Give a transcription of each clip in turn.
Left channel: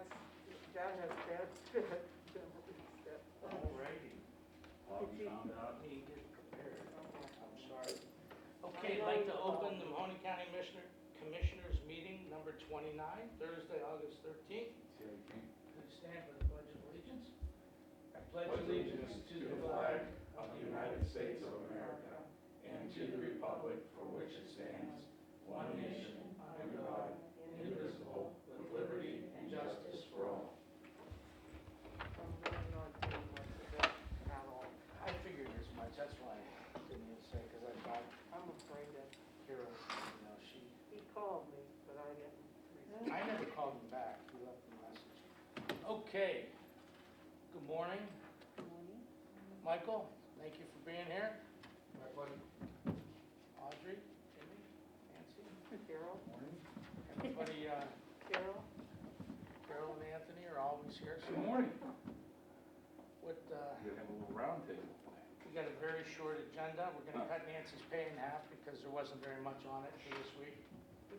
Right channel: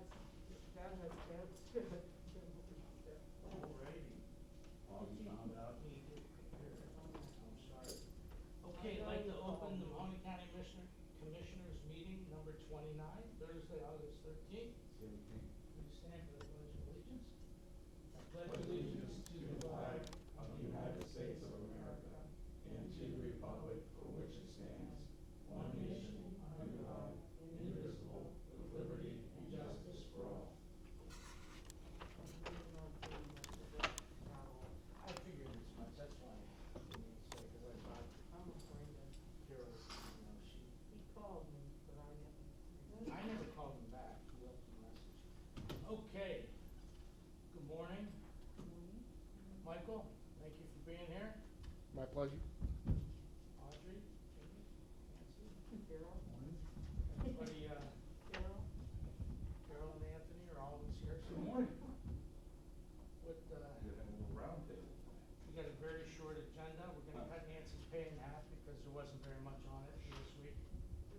that has bad spit. Alrighty. Did you- Let me get prepared. I'm sorry. Okay, I'd like to open the Mahoning County Commissioners meeting number 29, Thursday, August 13th. Please stand for the Pledge of Allegiance. I pledge allegiance to the flag of the United States of America and to the republic for which it stands, one nation, under God, indivisible, with liberty and justice for all. I'm really not doing much of that at all. I figured as much, that's why I didn't even say, because I thought I'm afraid that Carol, she, he called me, but I didn't. I never called him back, he left a message. Okay, good morning. Good morning. Michael, thank you for being here. My pleasure. Audrey, Jimmy, Nancy, Carol? everybody, Carol? Carol and Anthony are always here. So Good morning. What, We're gonna have a little round table today. we got a very short agenda. We're gonna cut Nancy's pay in half because there wasn't very much on it for this week. So,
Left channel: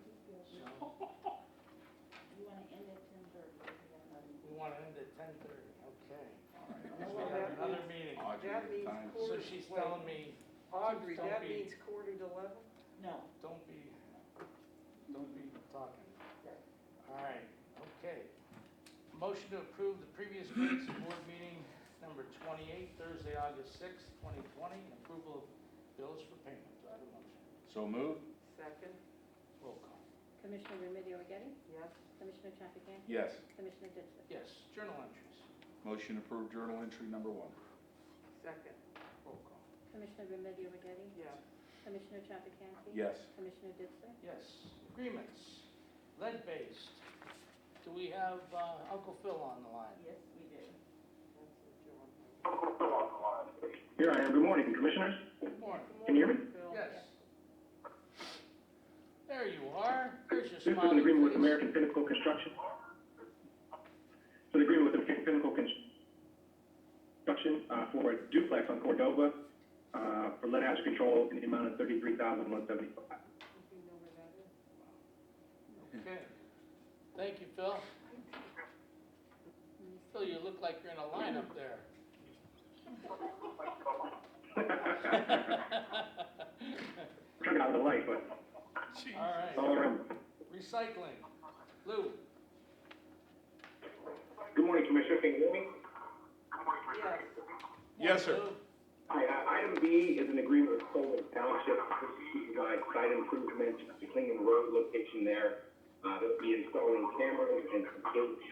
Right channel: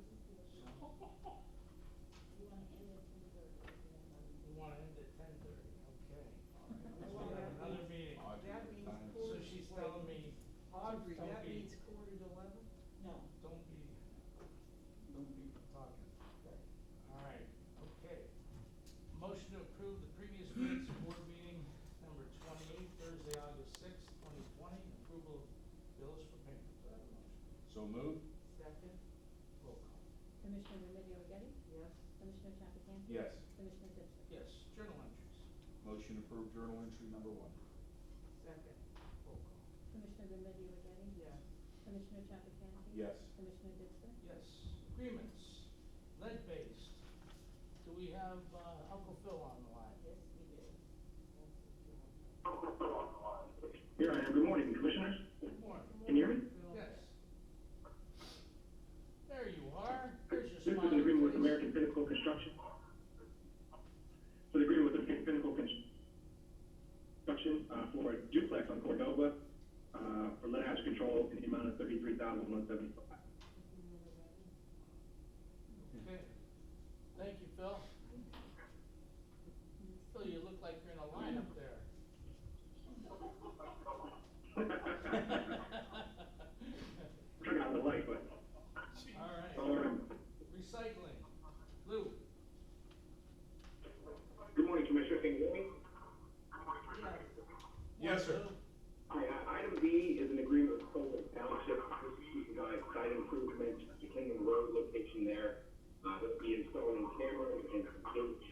You wanna end at 10:30? we want to end at 10:30, okay. All right. Because we have another meeting. Audrey, That the means time. So she's telling me, Audrey, Don't that be- means 10:45? No. don't be talking. All right, okay. Motion to approve the previous minutes of board meeting number 28, Thursday, August 6th, 2020, and approval of bills for payment. Do I have a motion? So moved? Second? Roll call. Commissioner Remedy Agati? Yes? Commissioner Trafficant? Yes. Commissioner Ditzler? Yes, journal entries. Motion approved journal entry number 1. Second? Roll call. Commissioner Remedy Agati? Yes. Commissioner Trafficant? Yes. Commissioner Ditzler? Yes, agreements, lead-based. Do we have Uncle Phil on the line? Yes, we do. That's what you're on. Here I am. Good morning, Commissioners. Good morning. Can you hear me? Phil. Yes. There you are. There's your This is an smiling agreement with face. American Pinnacle Construction. So the agreement with American Pinnacle Construction for a duplex on Cordova for lead hazard control in the amount of $33,175. Do you know where that is? Okay. Thank you, Phil. Phil, you look like you're in a line up there. Turn out the light, but All it's all right. around. Recycling. Lou. Good morning, Commissioner. Can you hear me? Yes. Yes, sir. Lou. Hi, item B is an agreement with Colvin Township to provide site improvements to Clingman Road location there. They'll be installing cameras and some gates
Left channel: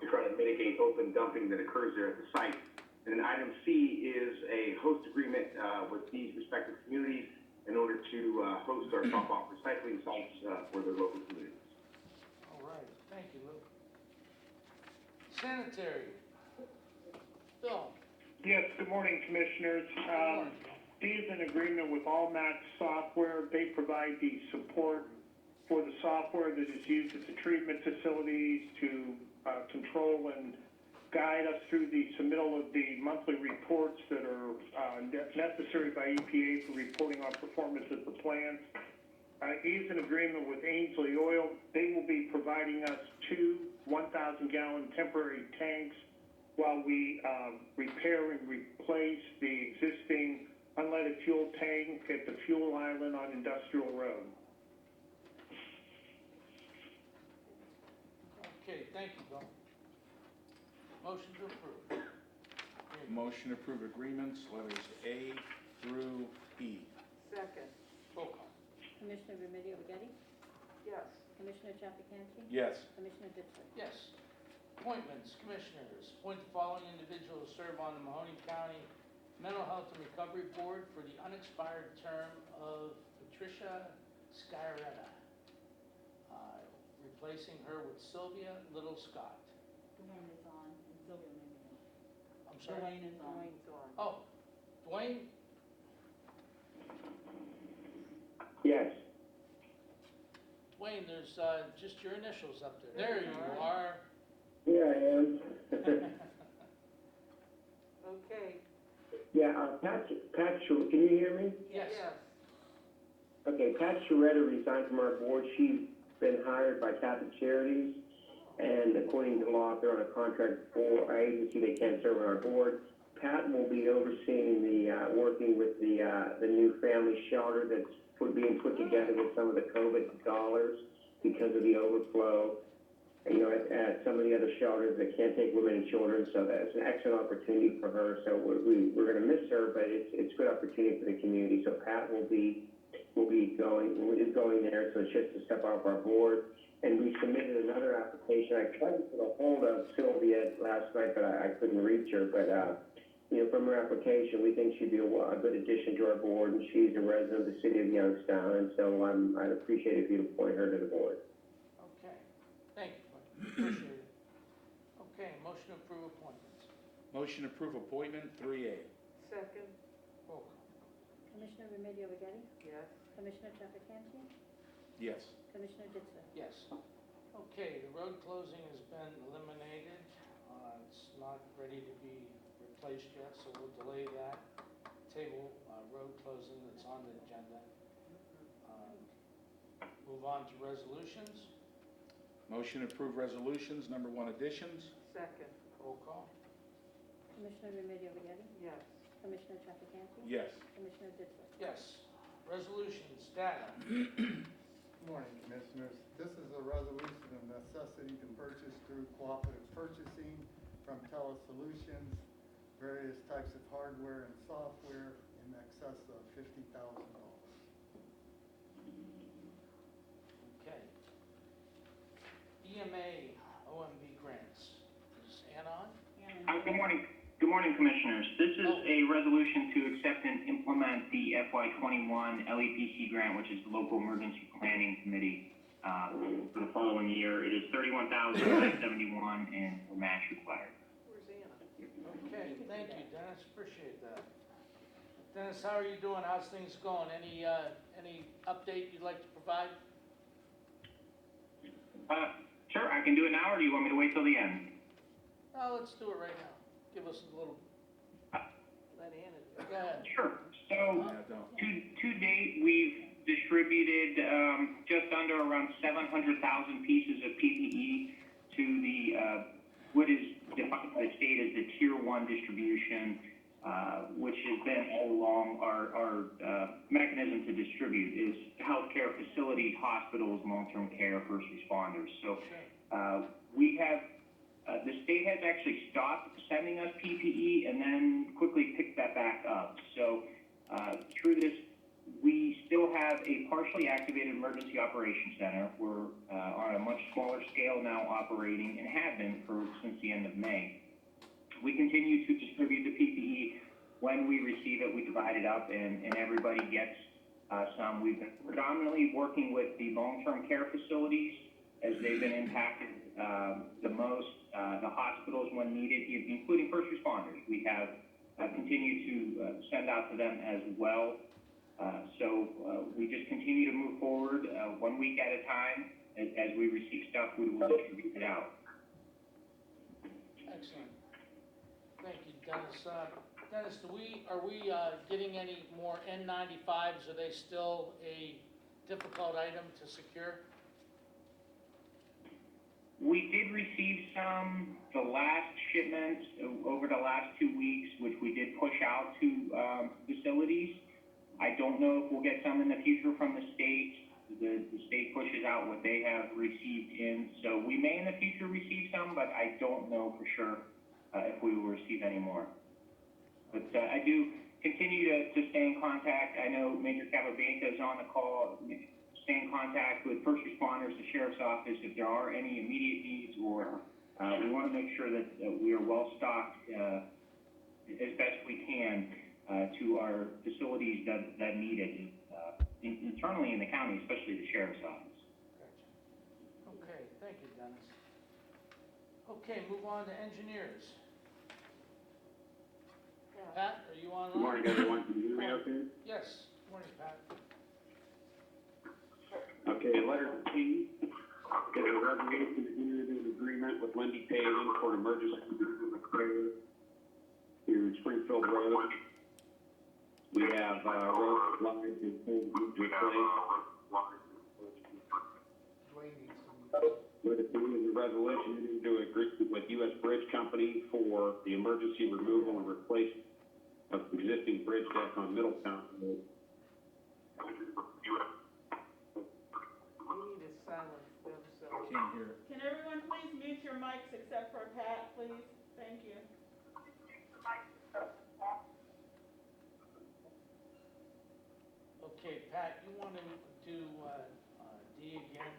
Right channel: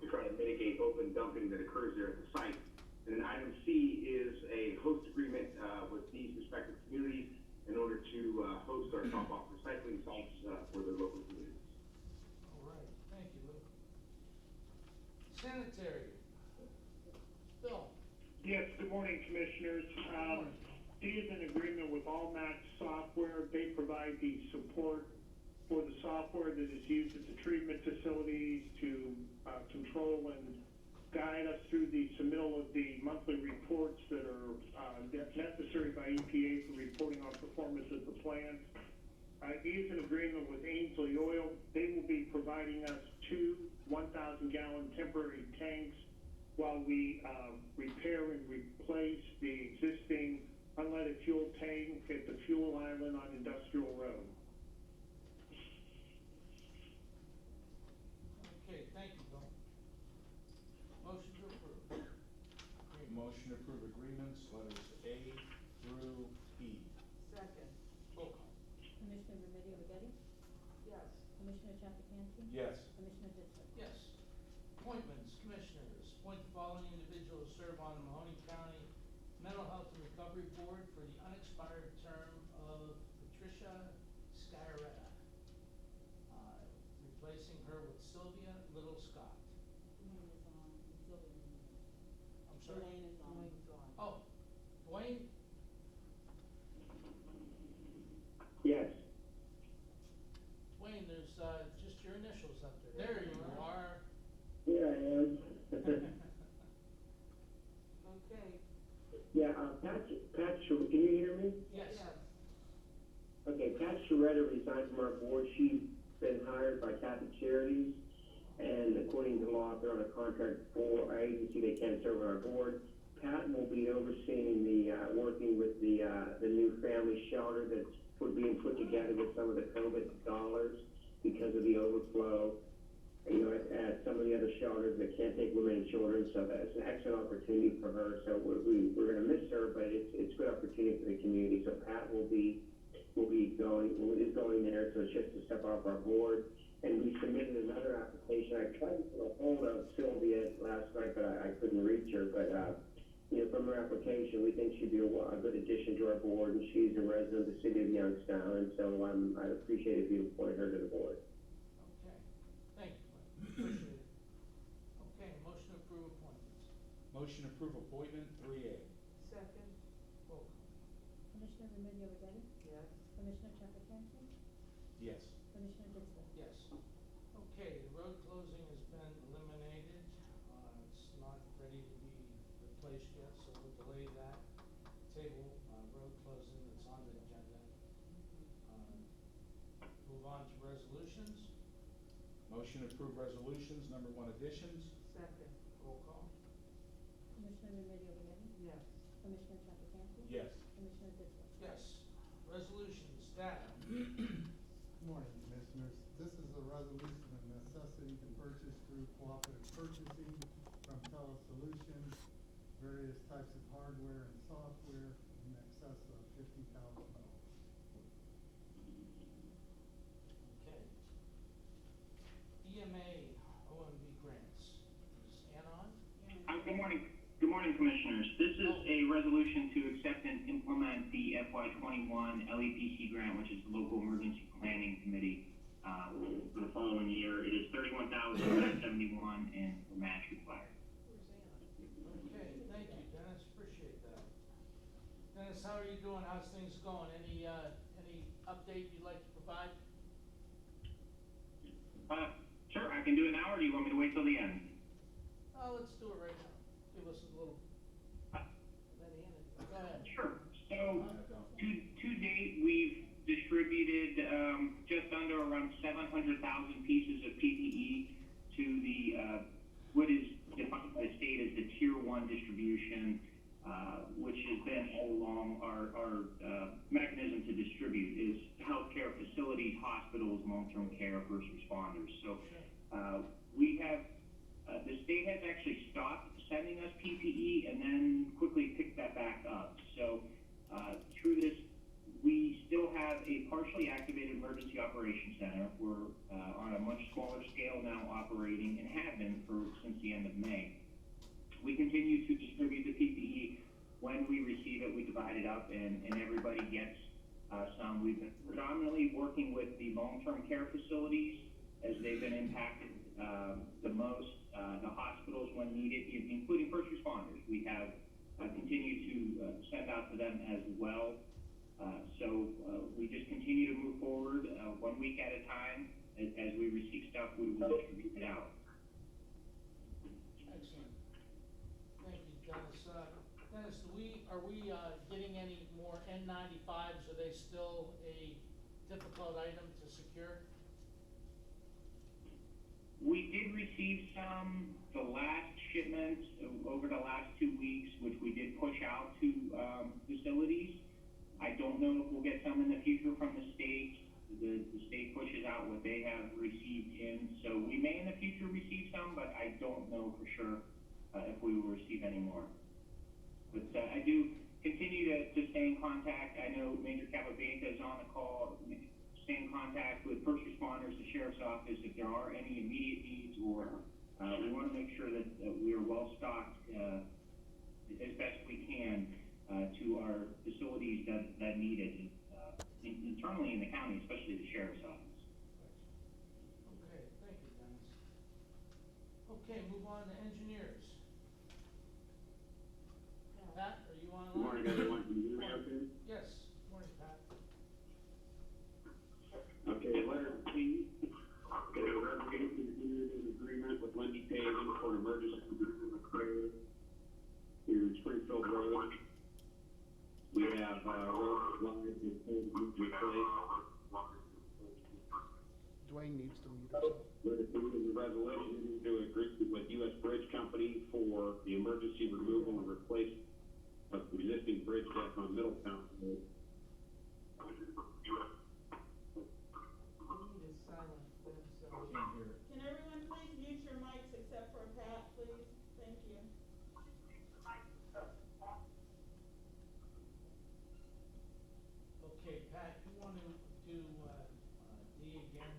to try to mitigate open dumping that occurs there at the site. And then item C is a host agreement with these respective communities in order to host our drop-off recycling sites for their local communities. All right. Thank you, Lou. Sanitary. Phil. Yes, good morning, Commissioners. Good morning. D is an agreement with Allmax Software. They provide the support for the software that is used at the treatment facilities to control and guide us through the submittal of the monthly reports that are necessary by EPA for reporting on performance of the plants. E is an agreement with Ainsley Oil. They will be providing us 2 1,000-gallon temporary tanks while we repair and replace the existing unleaded fuel tank at the fuel island on Industrial Road. Okay, thank you, Bill. Motion to approve. Motion to approve agreements, letters A through E. Second? Roll call. Commissioner Remedy Agati? Yes. Commissioner Trafficant? Yes. Commissioner Ditzler? Yes. Appointments, commissioners. Appoint the following individuals to serve on the Mahoning County Mental Health and Recovery Board for the unexpired term of Patricia Sciaretta, replacing her with Sylvia Little Scott. Dwayne is on, and Sylvia may be on. I'm sorry? Dwayne is on. Dwayne's on. Oh, Dwayne? Yes. Dwayne, there's just your initials up there. There you are. Here I am. Okay. Yeah, Pat, can you hear me? Yes. Okay, Pat Sharetta resigned from our board. She's been hired by Catholic Charities. And according to law, if they're on a contract for our agency, they can't serve on our board. Pat will be overseeing working with the new family shelter that's being put together with some of the COVID dollars because of the overflow. You know, at some of the other shelters that can't take women and children, so that's an excellent opportunity for her. So we're going to miss her, but it's a good opportunity for the community. So Pat is going there, so it's just to step off our board. And we submitted another application. I tried to get a hold of Sylvia last night, but I couldn't reach her. But you know, from her application, we think she'd be a good addition to our board, and she's a resident of the city of Youngstown, and so I'd appreciate if you'd appoint her to the board. Okay, thank you, appreciate it. Okay, motion to approve appointments. Motion to approve appointment 3A. Second, Roll call. Commissioner Remedy Agati? yes. Commissioner Trafficante? Yes. Commissioner Ditzler? Yes. Okay, the road closing has been eliminated. It's not ready to be replaced yet, so we'll delay that table, road closing that's on the agenda. Move on to resolutions. Motion to approve resolutions, number 1 additions. Second, Roll call. Commissioner Remedy Agati? yes. Commissioner Trafficante? Yes. Commissioner Ditzler? Yes. Resolutions, data. Good morning, Commissioners. This is a resolution of necessity to purchase through cooperative purchasing from Solutions, various types of hardware and software in excess of $50,000. Okay. EMA OMB grants. Is Ann on? Good morning. Good morning, Commissioners. This is a resolution to accept and implement the FY21 LEPC grant, which is the Local Emergency Planning Committee, for the following year. It is $31,971 and no match required. Where's Anna? Okay, thank you, Dennis, appreciate that. Dennis, how are you doing? How's things going? Any update you'd like to provide? Sure, I can do it now, or do you want me to wait till the end? Oh, let's do it right now. Give us a little, Let Anna do it. go ahead. Sure. So, Yeah, don't. to date, we've distributed just under around 700,000 pieces of PPE to the what is defined by the state as the Tier 1 distribution, which has been all along our mechanism to distribute is healthcare facilities, hospitals, long-term care, first responders. So we have the state has actually stopped sending us PPE and then quickly picked that back up. So through this, we still have a partially activated emergency operations center. We're on a much smaller scale now operating and have been since the end of May. We continue to distribute the PPE. When we receive it, we divide it up and everybody gets some. We've been predominantly working with the long-term care facilities as they've been impacted the most, the hospitals when needed, including first responders. We have continued to send out to them as well. So we just continue to move forward 1 week at a time. As we receive stuff, we will distribute it out. Excellent. Thank you, Dennis. Dennis, are we getting any more N95s? Are they still a difficult item to secure? We did receive some, the last shipments over the last 2 weeks, which we did push out to facilities. I don't know if we'll get some in the future from the state. The state pushes out what they have received in. So we may in the future receive some, but I don't know for sure if we will receive any more. But I do continue to stay in contact. I know Major Capabianca is on the call. Stay in contact with first responders, the sheriff's office, if there are any immediate needs, or we want to make sure that we are well stocked as best we can to our facilities that need it internally in the county, especially the sheriff's office. Gotcha. Okay, thank you, Dennis. Okay, move on to engineers. Pat, are you on? Good morning, everyone. Can you hear me okay? Yes. Good morning, Pat. Okay, letter C is a resolution to enter into an agreement with Lindy Paving for an emergency repair to Springfield Road. We have road lines and things need to replace. Dwayne needs to read it. Letter C is a resolution to agree with U.S. Bridge Company for the emergency removal and replacement of the existing bridge deck on Middletown Road. We need to silence them, so. Can't hear it. Can everyone please mute your mics except for Pat, please? Thank you. Okay, Pat, you want to do, D again?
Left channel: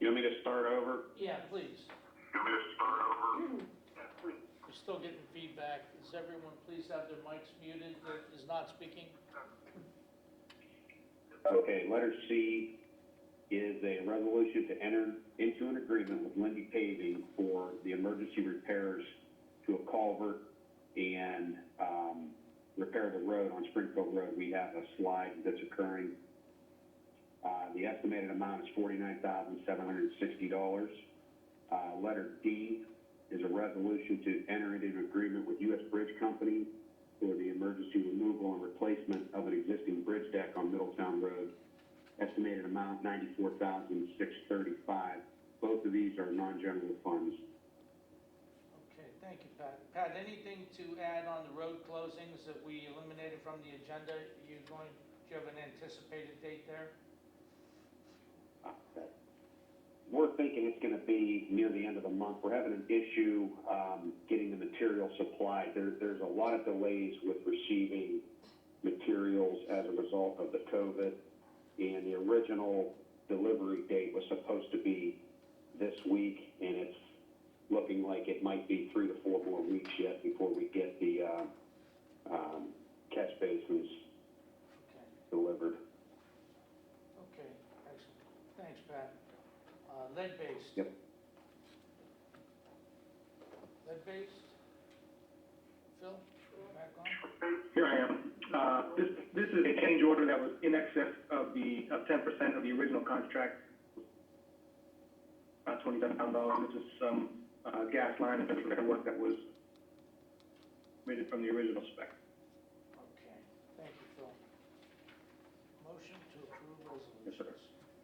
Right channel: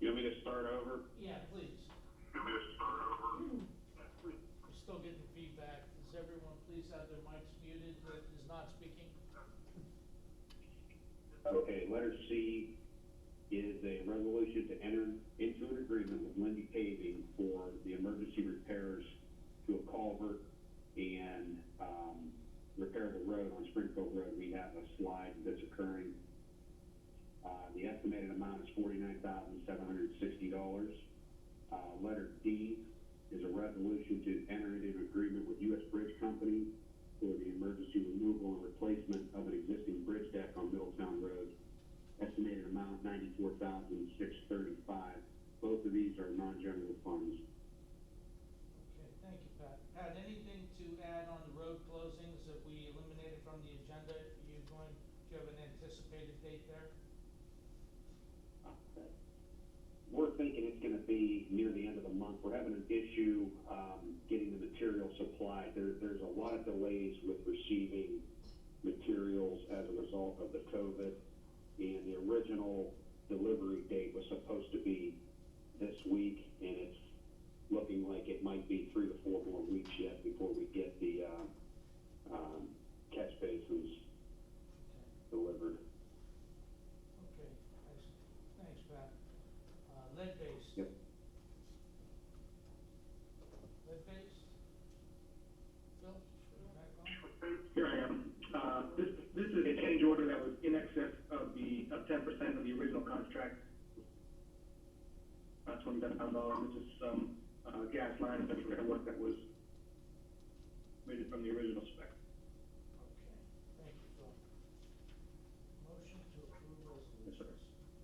You want me to start over? Yeah, please. We're still getting feedback. Does everyone please have their mics muted that is not speaking? Okay, letter C is a resolution to enter into an agreement with Lindy Paving for the emergency repairs to a culvert and repair the road on Springfield Road. We have a slide that's occurring. The estimated amount is $49,760. Letter D is a resolution to enter into an agreement with U.S. Bridge Company for the emergency removal and replacement of an existing bridge deck on Middletown Road. Estimated amount $94,635. Both of these are non-general funds. Okay, thank you, Pat. Pat, anything to add on the road closings that we eliminated from the agenda? Do you have an anticipated date there? We're thinking it's going to be near the end of the month. We're having an issue getting the material supplied. There's a lot of delays with receiving materials as a result of the COVID, and the original delivery date was supposed to be this week, and it's looking like it might be 3 to 4 more weeks yet before we get the catch basins delivered. Okay, excellent. Thanks, Pat. Lead-based. Yep. Lead-based? Phil, you back on? Here I am. This is a change order that was in excess of 10% of the original contract. About $27,000. This is some gas line and repair work that was made from the original spec. Okay, thank you, Phil. Motion to approve resolutions. Yes, sir.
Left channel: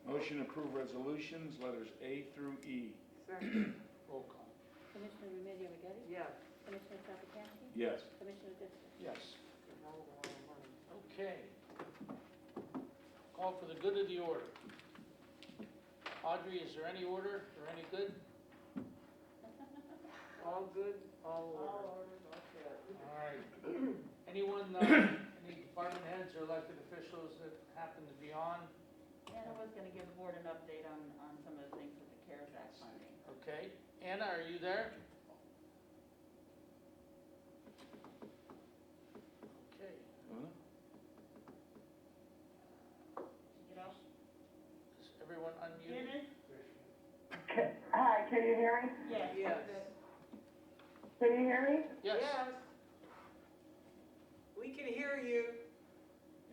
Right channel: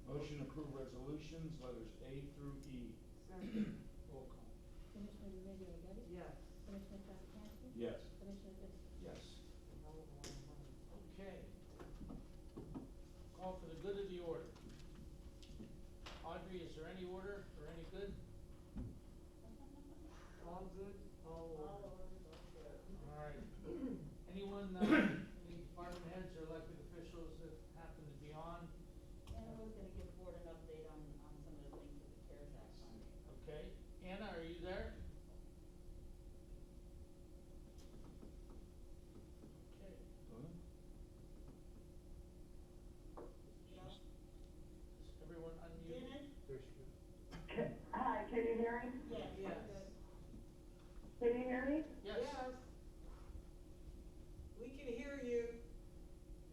Motion to approve resolutions, letters A through E. Second, Roll call. Commissioner Remedy Agati? yes. Commissioner Trafficante? Yes. Commissioner Ditzler? Yes. Hold on a minute. Okay. Call for the good of the order. Audrey, is there any order or any good? All good, all All over. orders are good. All right. Anyone, any department heads or elected officials that happen to be on? Anna was gonna give the board an update on some of the things with the CARES Act funding. Okay. Anna, are you there? Okay. Huh? You know? Is everyone unmuted? Dennis? There she is. Hi, can you hear me? Yes. Yes. Can you hear me? Yes. We can hear you.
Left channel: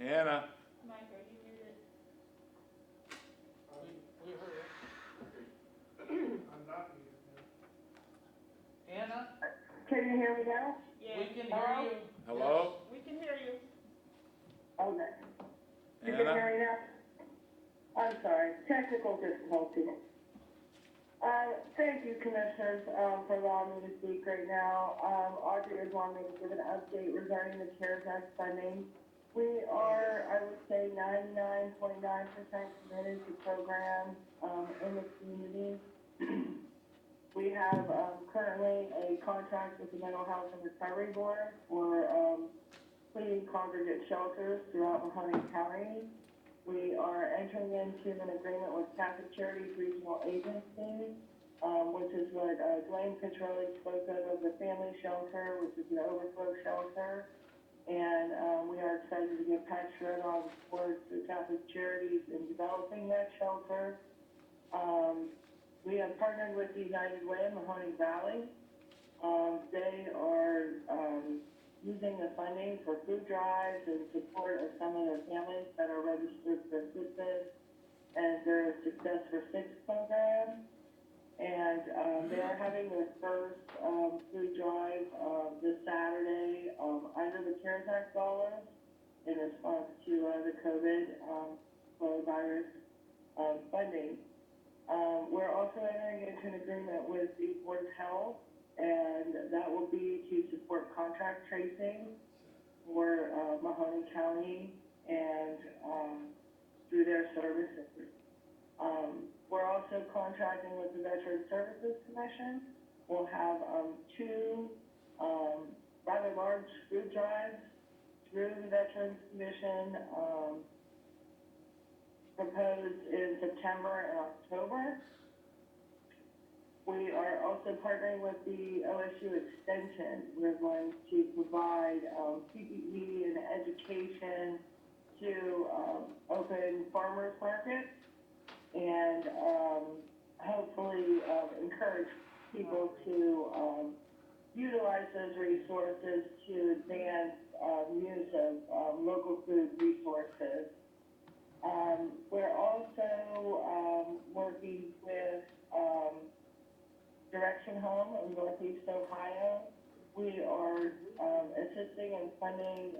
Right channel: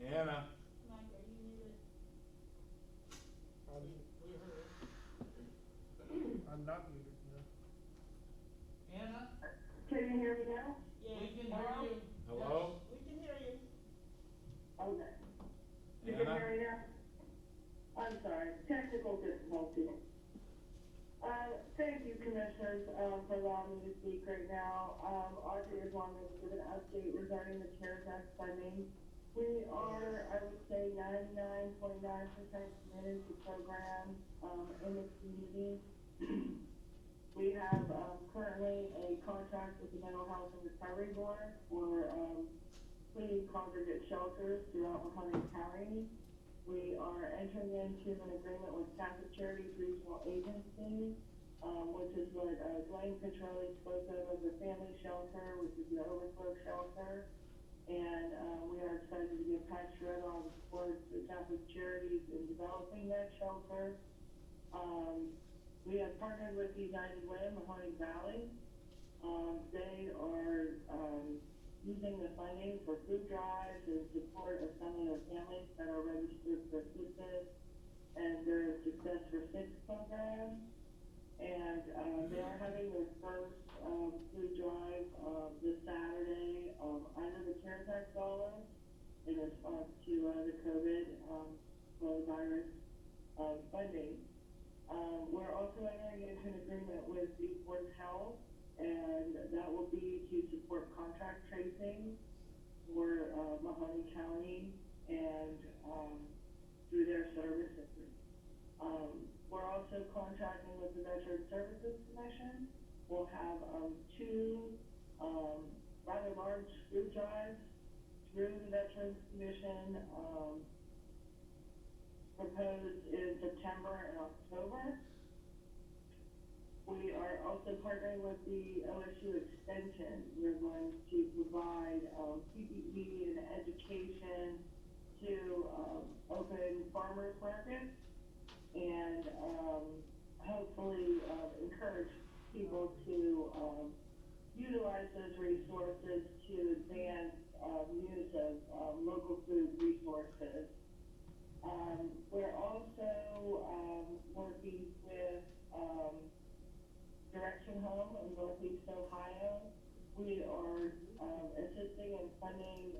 Anna? Mike, are you muted? We heard it. I'm not muted now. Anna, Can you hear me now? Yes. we can hear you. Hello? We can hear you. Okay. You can Anna? hear me now? I'm sorry, technical difficulty. Thank you, commissioners, for allowing me to speak right now. Audrey is wanting me to give an update regarding the CARES Act funding. We are, I would say, 99.9% committed to programs in the community. We have currently a contract with the Mental Health and Recovery Board for cleaning congregate shelters throughout Mahoning County. We are entering into an agreement with Catholic Charities Regional Agency, which is what Dwayne Petroli spoke of the family shelter, which is an overflow shelter. And we are excited to give Pat Shred on board to Catholic Charities in developing that shelter. We have partnered with United Way in Mahoning Valley. They are using the funding for food drives and support of some of the families that are registered for assistance and their Success for Six program. And they are having their first food drive this Saturday under the CARES Act dollars in response to the COVID coronavirus funding. We're also entering into an agreement with the Board of Health, and that will be to support contract tracing for, Mahoning County and, through their services. We're also contracting with the Veteran Services Commission. We'll have, two, rather large food drives through the Veterans Commission, proposed in September and October. We are also partnering with the OSU Extension. We're going to provide PPE and education to open farmers markets and hopefully encourage people to utilize those resources to advance use of local food resources. We're also working with Direction Home in Northeast Ohio. We are assisting and funding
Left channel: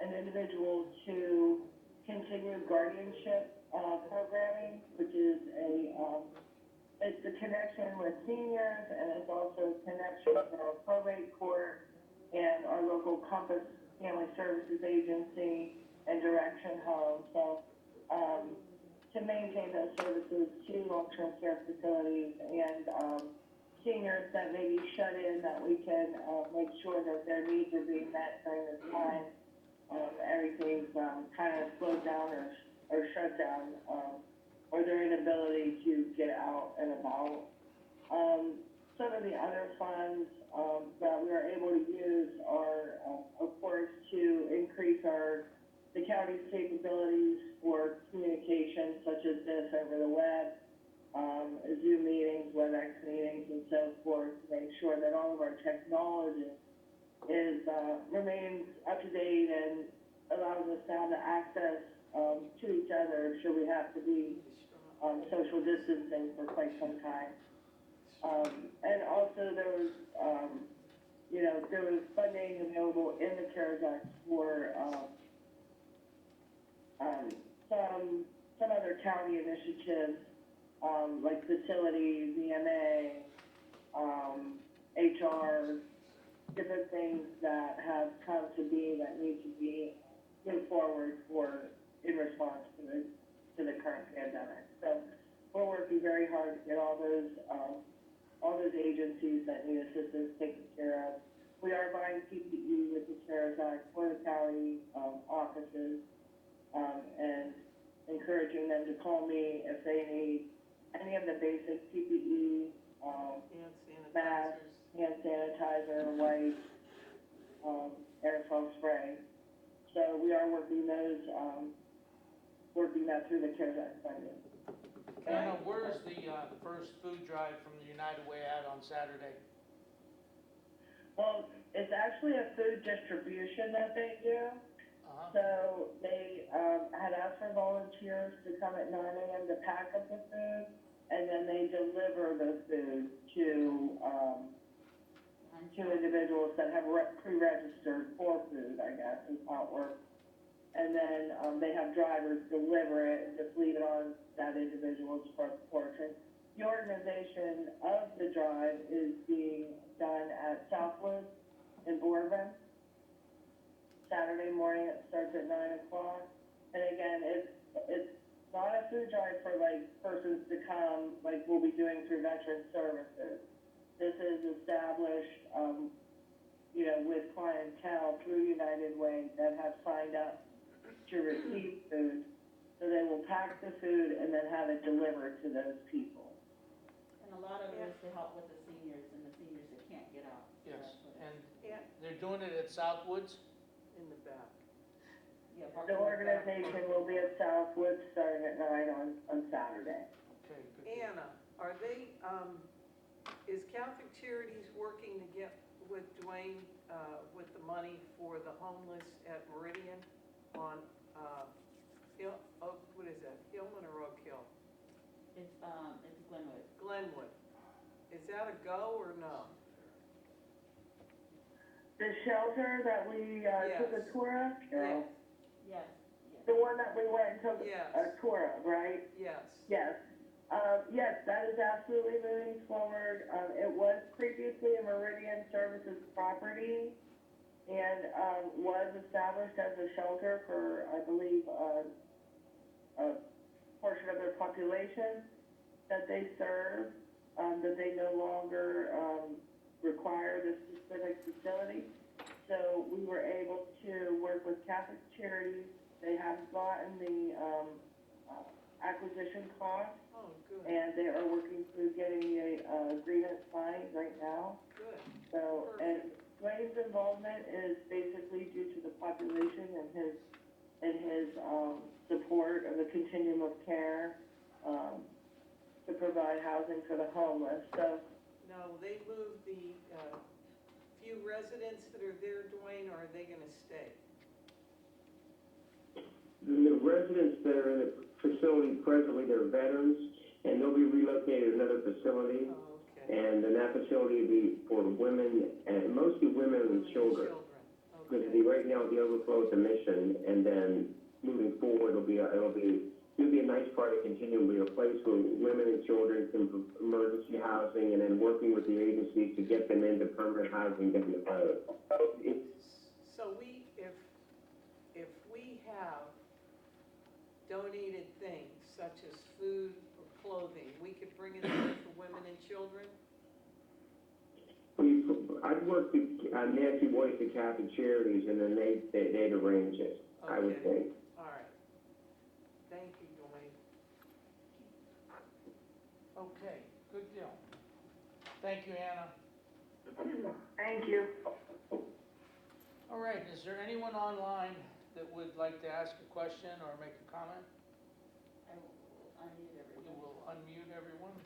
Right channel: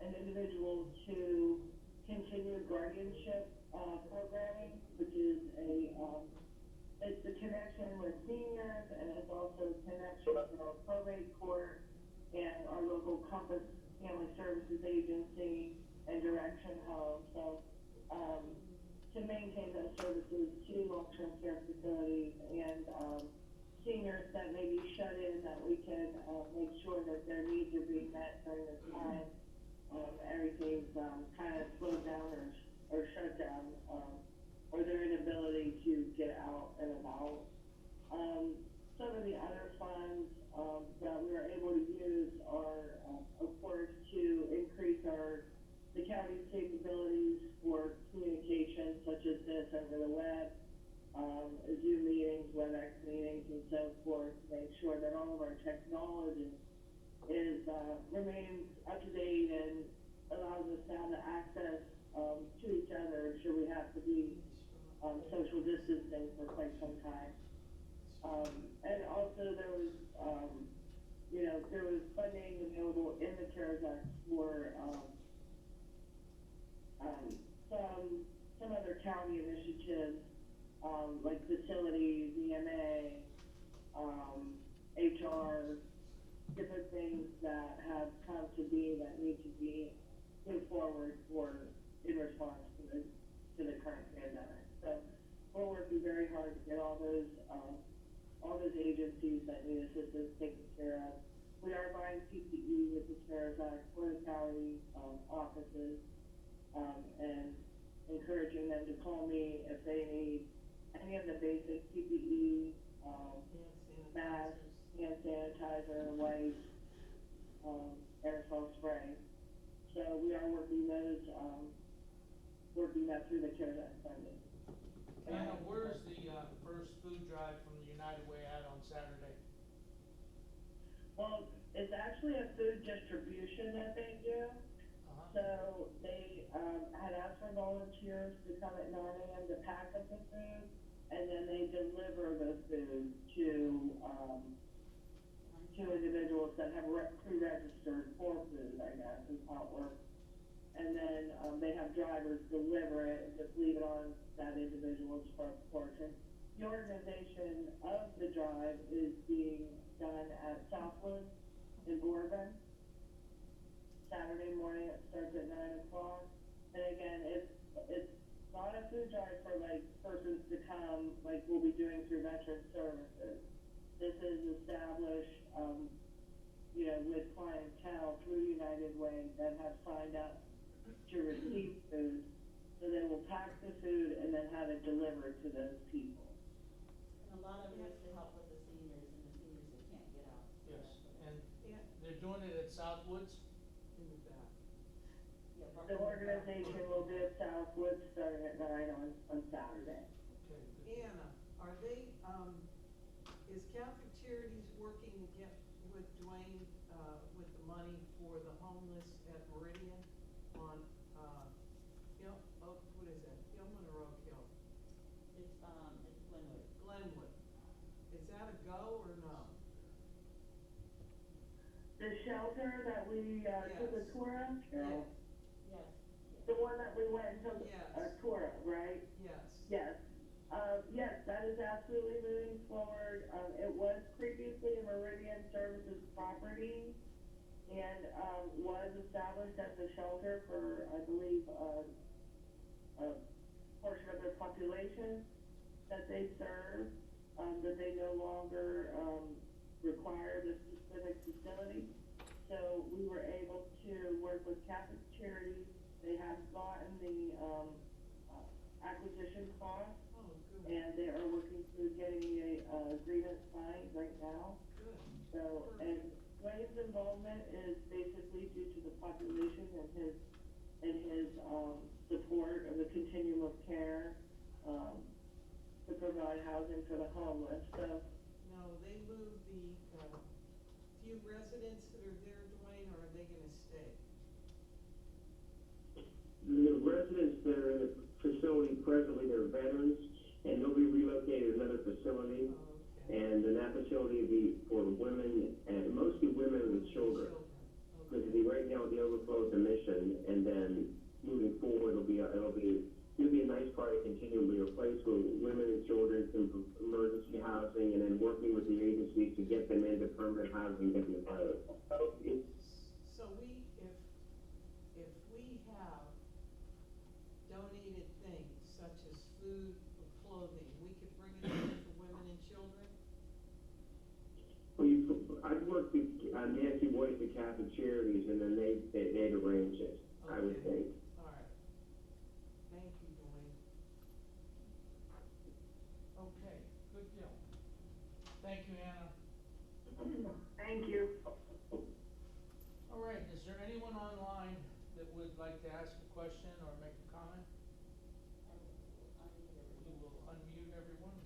an individual to continue guardianship programming, which is it's a connection with seniors, and it's also a connection with our probate court and our local Compass Family Services Agency and Direction Home. So, to maintain those services to long-term care facilities and, seniors that may be shut in, that we can, make sure that their needs are being met during this time. Everything's, kind of slowed down or shut down, or their inability to get out and about. Some of the other funds, that we are able to use are, of course, to increase the county's capabilities for communication such as this over the web, Zoom meetings, WebEx meetings, and so forth, to make sure that all of our technology remains up to date and allows us to have the access to each other should we have to be social distancing for quite some time. And also there was funding available in the CARES Act for some other county initiatives, like facilities, EMA, HR, different things that have come to be that need to be moved forward in response to the current pandemic. So we're working very hard to get all those agencies that need assistance taken care of. We are buying PPE with the CARES Act for the county offices, and encouraging them to call me if they need any of the basic PPE, masks, hand sanitizer, wipes, aerosol spray. So we are working that through the CARES Act funding. Anna, where's the first food drive from the United Way at on Saturday? Well, it's actually a food distribution that they do. So they had asked for volunteers to come at 9 a.m. to pack up the food, and then they deliver the food to individuals that have pre-registered for food, I guess, is how it works. And then they have drivers deliver it and just leave it on that individual's front porch. And the organization of the drive is being done at Southwood in Boardman. Saturday morning, it starts at 9 o'clock. And again, it's not a food drive for like persons to come like we'll be doing through Veteran Services. This is established, with clientele through United Way that have signed up to receive food. So they will pack the food and then have it delivered to those people. And a lot of it is to help with the seniors and the seniors that can't get out. So Yes, that's what and Yeah. they're doing it at Southwoods? In the back. Yeah, The organization will be at Southwood starting at 9 on Saturday. Okay, good. Anna, are they, is Catholic Charities working to get with Dwayne, with the money for the homeless at Meridian on, what is that, Hillman or Oak Hill? It's Glenwood. Glenwood. Is that a go or no? The shelter that we took a tour of, Carol, Yes, yes. the one that we went and took Yes. a tour of, right? Yes. Yes. Yes, that is absolutely moving forward. It was previously a Meridian Services property and, was established as a shelter for, I believe, a portion of their population that they serve, that they no longer, require this specific facility. So we were able to work with Catholic Charities. They have gotten the, acquisition cost, Oh, good, and they are working through getting a, agreement signed right now. good. So, and Dwayne's involvement is basically due to the population and his support of the continuum of care, to provide housing for the homeless, so. Now, will they move the, few residents that are there, Dwayne, or are they gonna stay? The residents that are in the facility presently, they're veterans, and they'll be relocated to another facility. Oh, okay. And then that facility will be for women, and mostly women and children. Because it'll be right now the overflow at the mission, and then moving forward, it'll be a nice part of continuum, be a place where women and children can emergency housing, and then working with the agencies to get them into permanent housing. So we, if we have donated things such as food or clothing, we could bring it in for women and children? I'd work with Nancy Boyce at Catholic Charities, and then they'd arrange it, I would Okay. think. All right. Thank you, Dwayne. Okay, good deal. Thank you, Anna. Thank you. All right, is there anyone online that would like to ask a question or make a comment? I will unmute You everyone. will unmute everyone.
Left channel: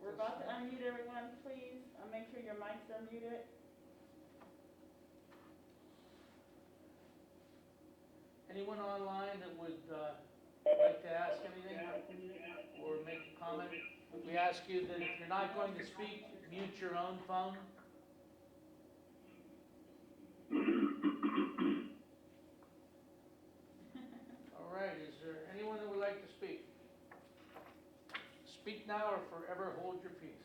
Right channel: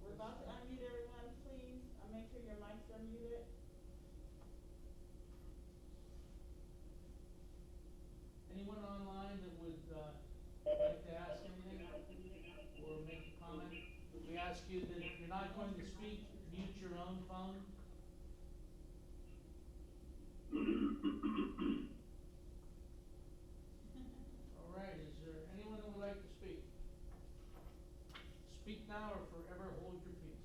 We're about to unmute everyone, please. Make sure your mic's unmuted. Anyone online that would, like to ask anything or make a comment? We ask you that if you're not going to speak, mute your own phone. All right, is there anyone that would like to speak? Speak now or forever hold your peace.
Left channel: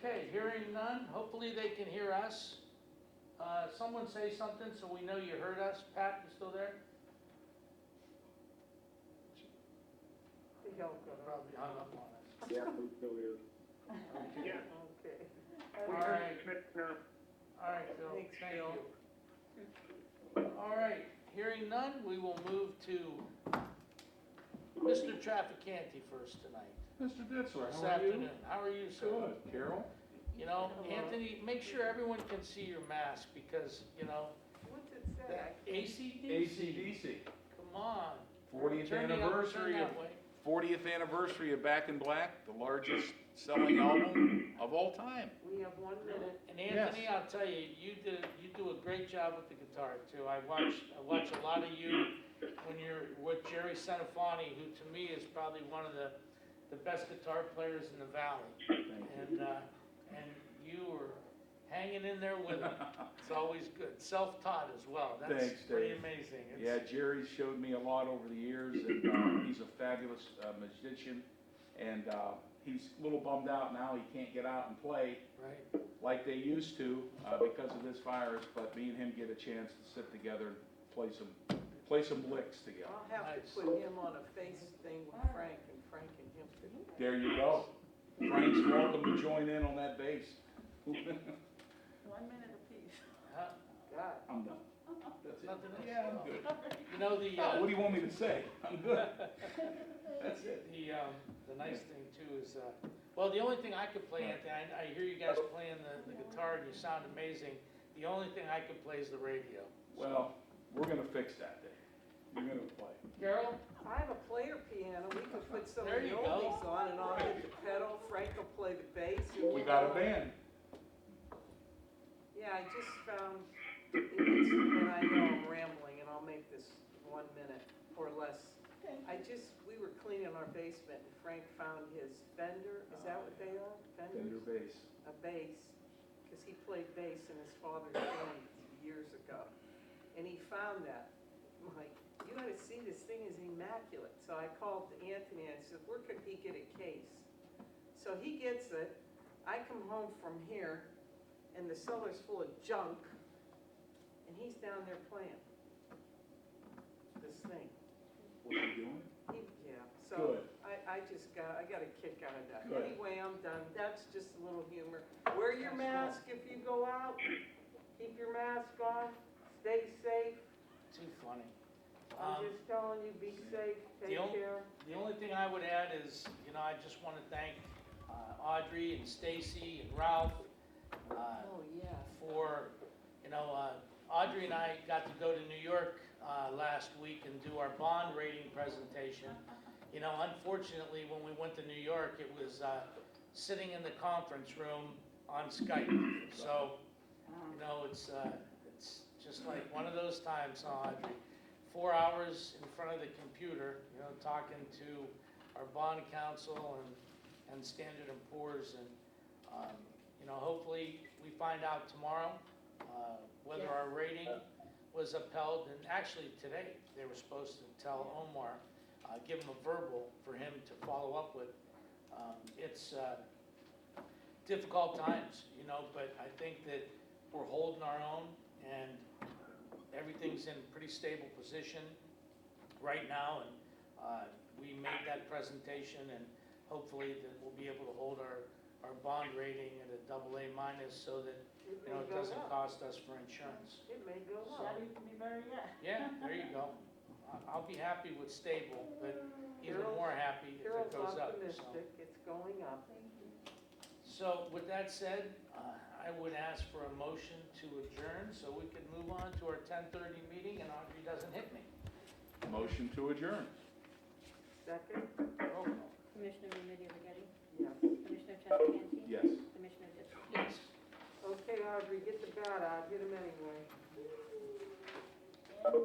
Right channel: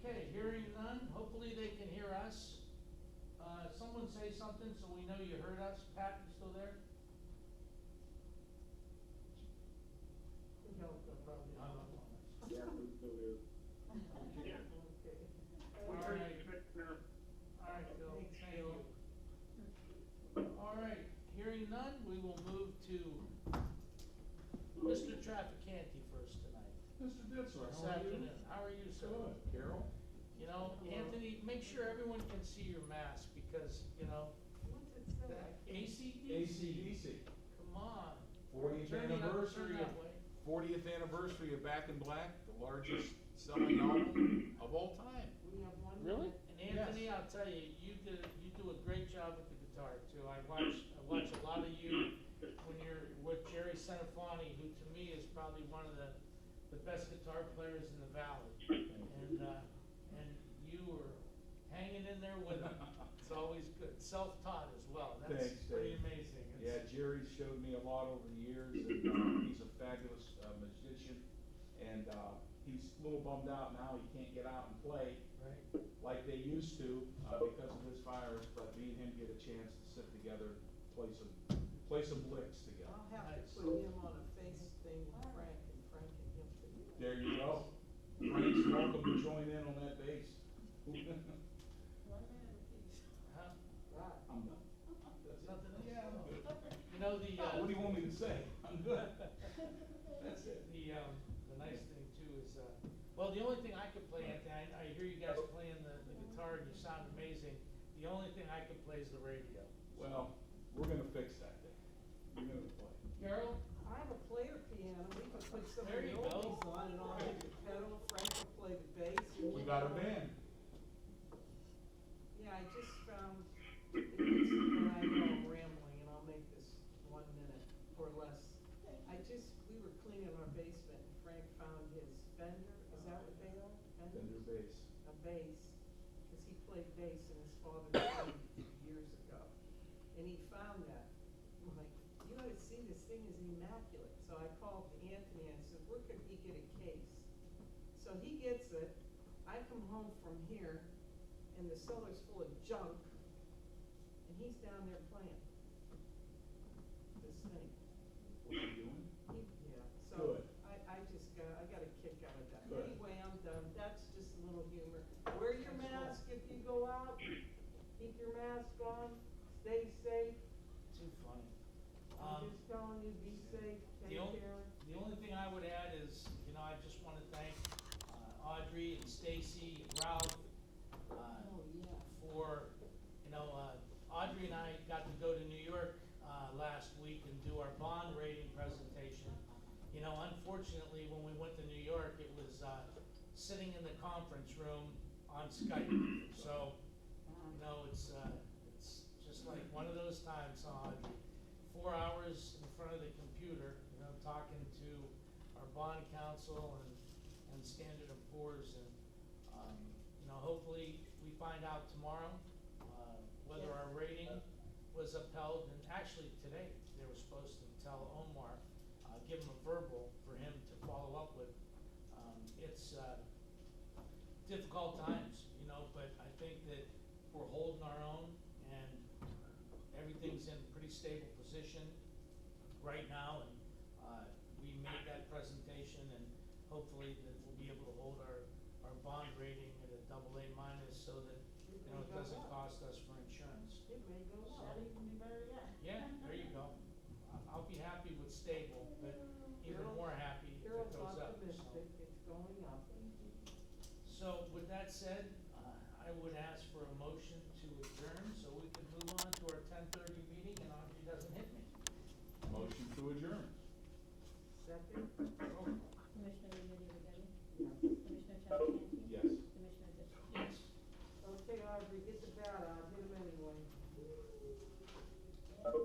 Okay, hearing none, hopefully they can hear us. Someone say something so we know you heard us. Pat, you still there? He'll go. Probably hung up on us. Yeah, I'm still here. Okay. Okay. All right. All right, Phil, Thanks, thank Phil. you. All right, hearing none, we will move to Mr. Trafficante first tonight. Mr. Ditzler, This how are you? afternoon. How are you, sir? Good. Carol? You know, Hello. Anthony, make sure everyone can see your mask because, you know, What's it say? that ACDC. AC/DC. Come on. 40th Turn anniversary that of way. 40th anniversary of Back in Black, the largest selling album of all time. We have 1 Really? minute. And Anthony, I'll tell you, you do a great job with the guitar too. I watch a lot of you when you're with Jerry Centofanti, who to me is probably one of the best guitar players in the valley. Thank you. And you were hanging in there with him. It's always good. Self-taught as well. That's Thanks, pretty Dave. amazing. Yeah, Jerry showed me a lot over the years, and he's a fabulous musician. And he's a little bummed out now he can't get out and play Right. like they used to because of this virus. But me and him get a chance to sit together and play some licks together. I'll have Nice. to put him on a face thing with Frank and him. There you go. Frank's welcome to join in on that bass. 1 minute apiece. Huh? God. I'm done. That's nothing else? Yeah, I'm good. You know, the, What do you want me to say? I'm good. That's it. The nice thing too is, well, the only thing I could play, Anthony, I hear you guys playing the guitar and you sound amazing. The only thing I could play is the radio. Well, we're gonna fix that day. You're gonna play. Carol? I have a player piano. We could put some of There the you go. oldies on and I'll hit the pedal. Frank will play the bass. and We we'll got a go. band. Yeah, I just found, and I know I'm rambling and I'll make this 1 minute or less. We were cleaning our basement and Frank found his Fender, is that what they are? Fender Fenders? bass. A bass, because he played bass in his father's band years ago. And he found that. My immaculate. So I called Anthony and I said, where could he get a case? So he gets it. I come home from here and the cellar's full of junk and he's down there playing this thing. What's he doing? Yeah, so Good. I got a kick out of that. Good. Anyway, I'm done. That's just a little humor. Wear your mask if you go out. Keep your mask on. Stay safe. Too funny. I'm just telling you, be safe, take care. The only thing I would add is, I just wanna thank, Audrey and Stacy and Ralph, Oh, yeah. for, Audrey and I got to go to New York, last week and do our bond rating presentation. Unfortunately, when we went to New York, it was, sitting in the conference room on Skype. So, it's just like one of those times, Audrey. 4 hours in front of the computer, talking to our bond counsel and Standard & Poor's and, hopefully we find out tomorrow, whether Yeah. our rating was upheld. And actually today, they were supposed to tell Omar, give him a verbal for him to follow up with. It's difficult times, but I think that we're holding our own and everything's in pretty stable position right now. And we made that presentation and hopefully that we'll be able to hold our bond rating at a AA- so that, it doesn't cost us for insurance. It may go up. That even be better yet. Yeah, there you go. I'll be happy with stable, but even Carol's- more happy if it Carol's goes up, so. optimistic, it's going up. So with that said, I would ask for a motion to adjourn so we can move on to our 10:30 meeting and Audrey doesn't hit me. Motion to adjourn. Second? Roll call. Commissioner Remedy Agati? Yes. Commissioner Traficant? Yes. Commissioner Ditzler? Yes. Okay, Audrey, get the bat out, hit him anyway. Yeah.